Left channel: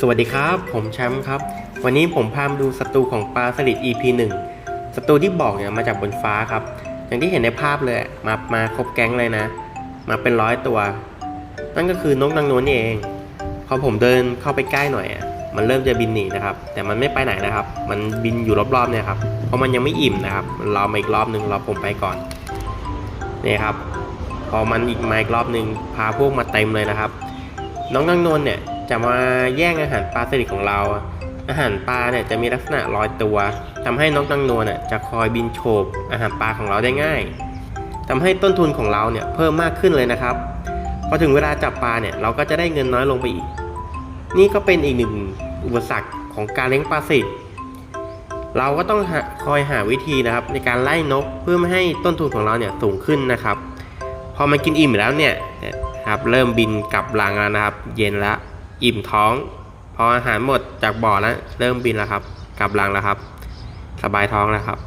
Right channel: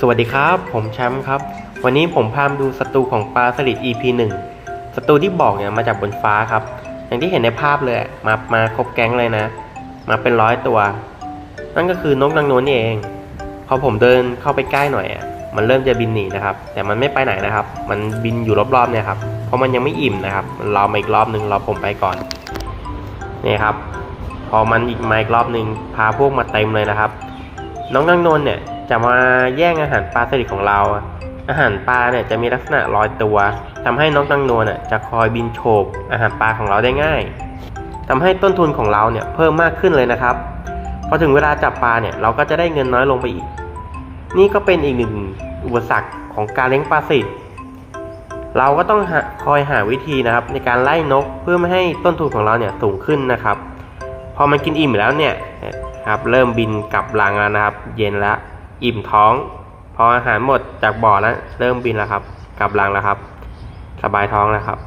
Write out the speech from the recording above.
สวัสดีครับ ผมแชมป์ครับ วันนี้ผมพามาดูศัตรูของปลาสลิด EP 1ศัตรูที่บอกเนี่ยมาจากบนฟ้าครับ อย่างที่เห็นในภาพเลยมามาครบแก๊งเลยนะ มาเป็นร้อยตัว นั่นก็คือนกนางนวลนี่เองพอผมเดินเข้าไปใกล้หน่อยอะมันเริ่มจะบินหนีนะครับ แต่มันไม่ไปไหนนะครับ มันบินอยู่รอบๆเนี่ยครับเพราะมันยังไม่อิ่มนะครับรอมาอีกรอบนึงรอผมไปก่อนนี่ครับ พอมันอีกมาอีกรอบนึงพาพวกมาเต็มเลยนะครับ น้องนางนวลเนี่ยจะมาแย่งอาหารปลาสลิดของเรา อาหารปลาเนี่ยจะมีลักษณะลอยตัวทำให้นกนางนวลน่ะจะคอยบินโฉบอาหารปลาของเราได้ง่ายทำให้ต้นทุนของเราเนี่ยเพิ่มมากขึ้นเลยนะครับ พอถึงเวลาจับปลาเนี่ยเราก็จะได้เงินน้อยลงไปอีก นี่ก็เป็นอีกหนึ่งอุปสรรคของการเลี้ยงปลาสลิดเราก็ต้องคอยหาวิธีนะครับในการไล่นกเพื่อไม่ให้ต้นทุนของเราเนี่ยสูงขึ้นนะครับ พอมันกินอิ่มแล้วเนี่ยครับเริ่มบินกลับรังแล้วนะครับ เย็นแล้วอิ่มท้อง พออาหารหมดจากบ่อแล้วเริ่มบินแล้วครับ กลับรังแล้วครับ สบายท้องแล้วครับ